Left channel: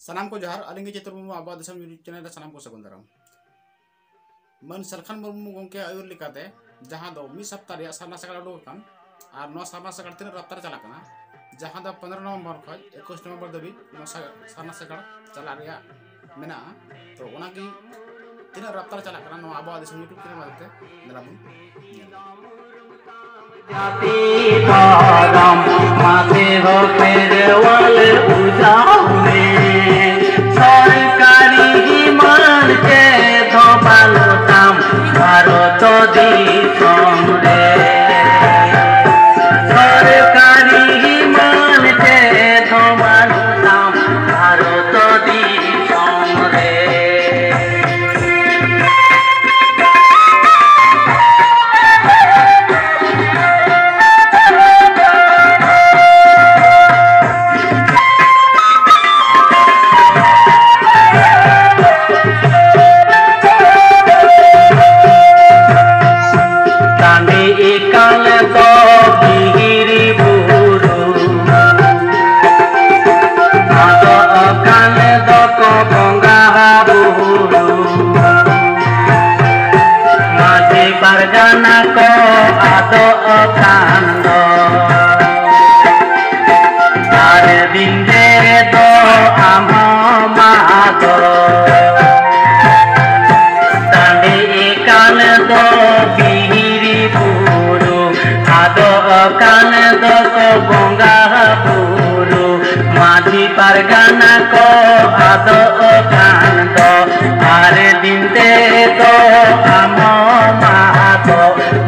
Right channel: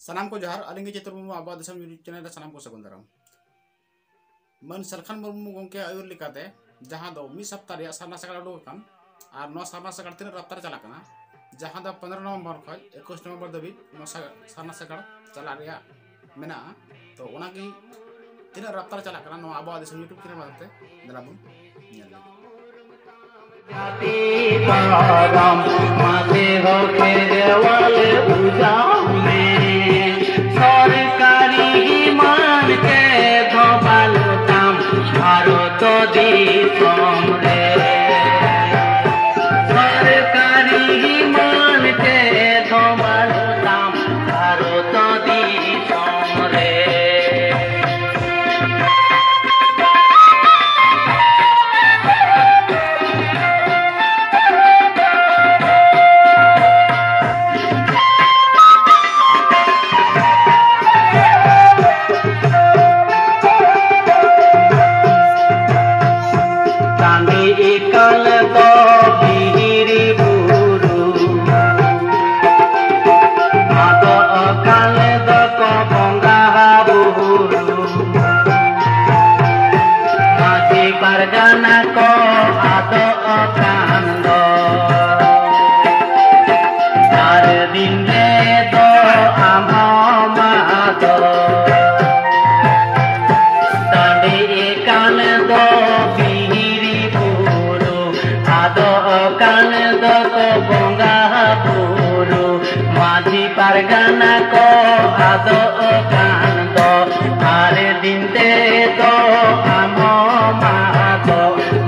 सानाम को जहार आलिंगे चित्र मुर्मू आबा दिसम यूट्यूब चैनल रे सानाम को सगुन दाराम मन सलखान मुर्मू गोंके आयुर लिकाते जहां दो मी सप्ताह रे सारना सकाळ उडुक कान आर नो सारना सकाळ तीन रफ्तार चला कना जहां दो 15 नवंबर खज 21 नवंबर दबी नो सारना सकाळ चला रिया मेना तो ओना की तीन रफ्तार चला कना नो आबा दिसम यूट्यूब चैनल माते दलाबुन नेल सीताराम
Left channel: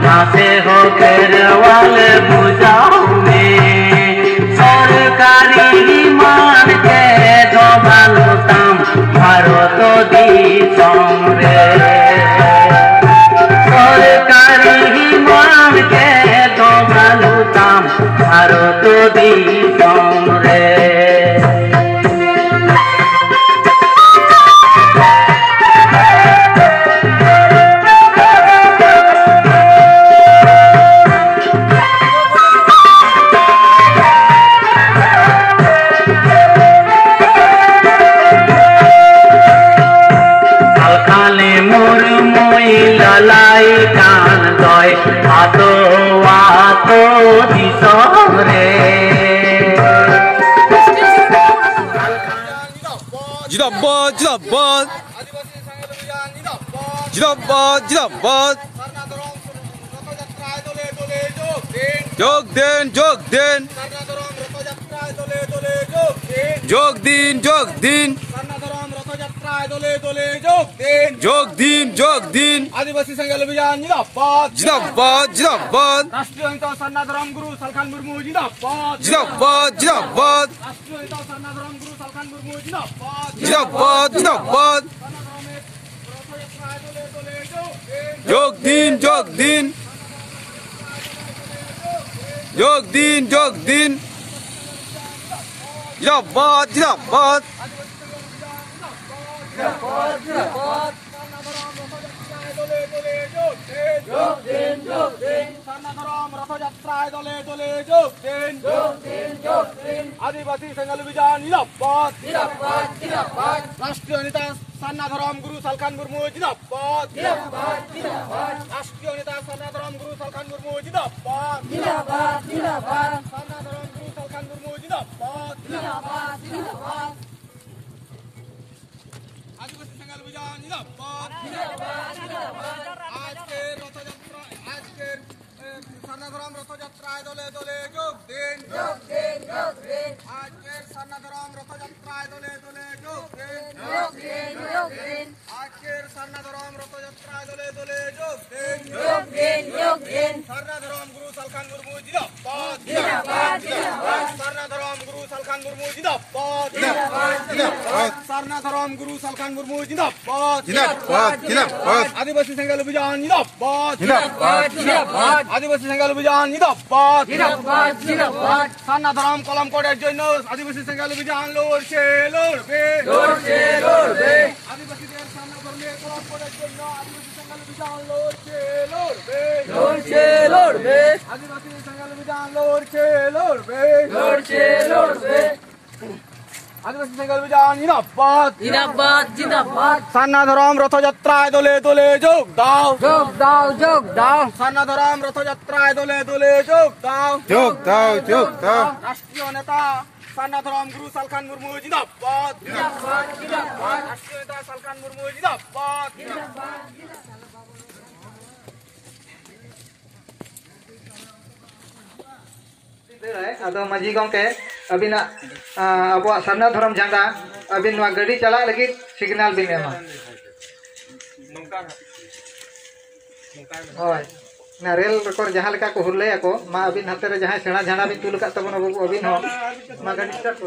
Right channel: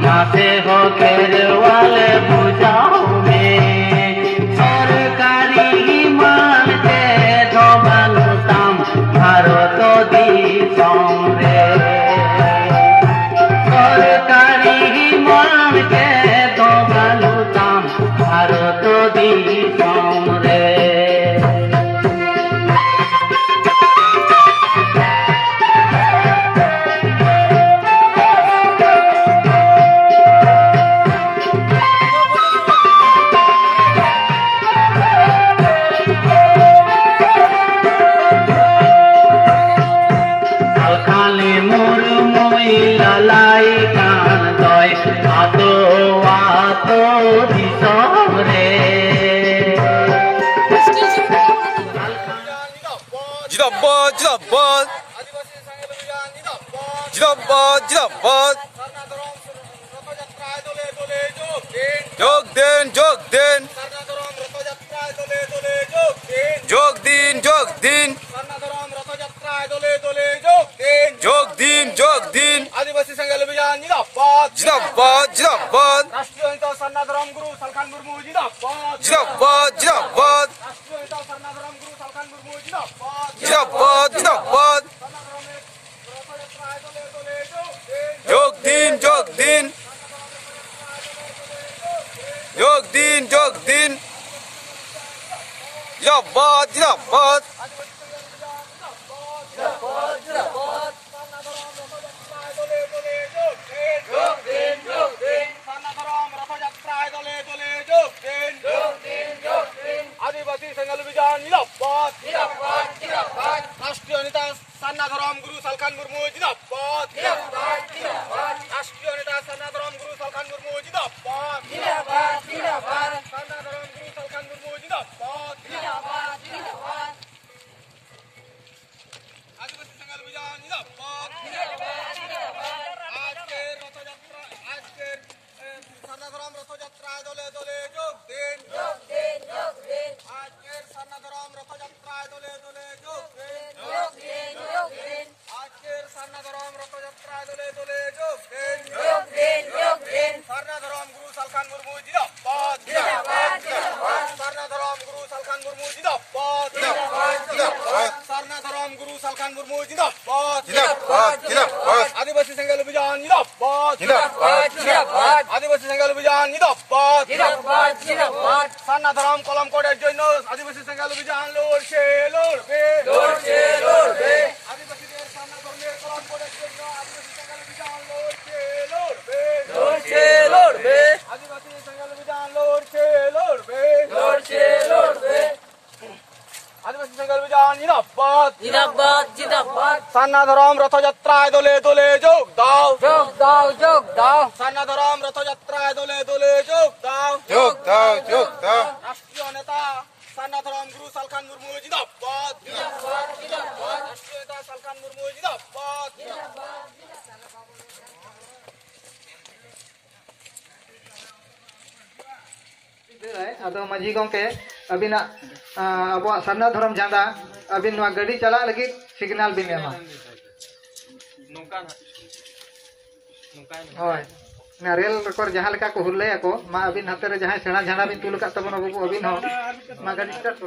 माते हो फेरवाल पूजाउने सरकारी मान के धोबालु काम भारत दिसम रे सरकारी मान के धोबालु काम भारत दिसम रे जिंदाबाद जिंदाबाद जिंदाबाद जिंदाबाद जोग दिन जोग दिन जोग दिन जोग दिन जोग दिन जोग दिन आदिवासी संघ अभियान जिंदाबाद जिंदाबाद जिंदाबाद राष्ट्रीय नेता सन्नाधराम गुरु सलखान मुर्मू जिंदाबाद जिंदाबाद जिंदाबाद राष्ट्रीय नेता सन्नाधराम गुरु सलखान मुर्मू जिंदाबाद जिंदाबाद जिंदाबाद जोग दिन जोग दिन जोग दिन जोग दिन जिंदाबाद जिंदाबाद आदिवासी संघ अभियान जिंदाबाद राष्ट्रीय नेता सन्नाधराम गुरु सलखान मुर्मू जिंदाबाद राष्ट्रीय नेता सन्नाधराम गुरु सलखान मुर्मू जिंदाबाद सन्नाधराम गुरु सलखान मुर्मू जिंदाबाद आदिवासी संघ अभियान जिंदाबाद आज के रथयात्रा आज के सन्नाधराम रथयात्रा दले दले जोग दिन आज के सन्नाधराम रथयात्रा दले दले जोग दिन आज के सन्नाधराम रथयात्रा दले दले जोग दिन सन्नाधराम गुरु सलखान मुर्मू जिंदाबाद सन्नाधराम गुरु सलखान मुर्मू जिंदाबाद सन्नाधराम गुरु सलखान मुर्मू जिंदाबाद आदिवासी संघ अभियान जिंदाबाद आदिवासी संघ अभियान जिंदाबाद सन्नाधराम कलम कोडेर জন্য आदिवासी संघ अभियान লড়ছে आदिवासीদের সন্নাধর্মের কলম কোডের জন্য आदिवासी संघ अभियान লড়ছে आदिवासी संघ अभियान लड़ছে आदिवासी संघ অভিযান জিন্দাবাদ জিন্দাবাদ জিন্দাবাদ সান্নাধরম রথযাত্রায় দলে দলে যোগ দাও যোগ দাও যোগ দাও সান্নাধরম রথযাত্রায় দলে দলে যোগ দাও যোগ দাও যোগ দাও রাষ্ট্রীয় নেতা সান্নাধরম গুরু সালখান মুর্মু জিন্দাবাদ রাষ্ট্রীয় নেতা সালখান মুর্মু জিন্দাবাদ आदो माजी गंके अबिना अब सारना धरम झंडा अबिन नवा गाड़ी चला लगी सिग्नल बिन एमा होय ना रेल रकर जहां लेका को हुरले को मा अबिन हाथे रे जहां सेना झंडा बिन तुल का तबन बाबू अबिन हो मा गाड़ी स्टार्ट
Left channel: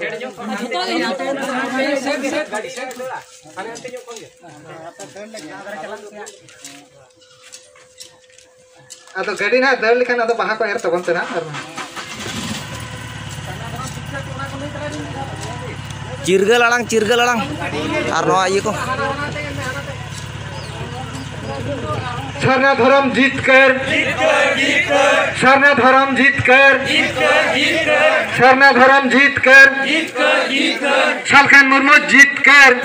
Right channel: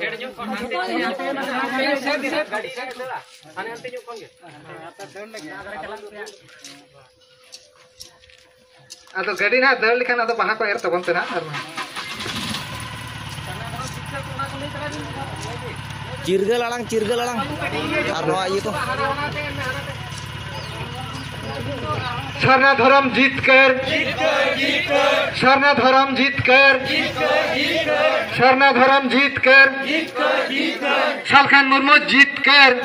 आदो गाड़ी ना दल लिखन आदो बाहा को एर तबन तेना चिरगल अड़ांग और नवा ये को सारना धर्म जीत कर सारना धर्म जीत कर सारना धर्म जीत कर सालखान मुर्मू जीत कर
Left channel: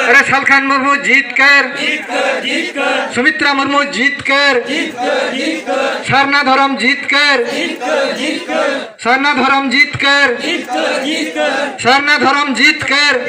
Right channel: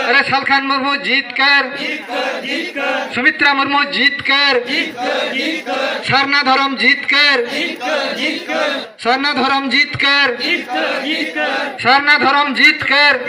अरे सालखान मुर्मू जीत कर सुमित्रा मुर्मू जीत कर सारना धर्म जीत कर सारना धर्म जीत कर सारना धर्म जीत कर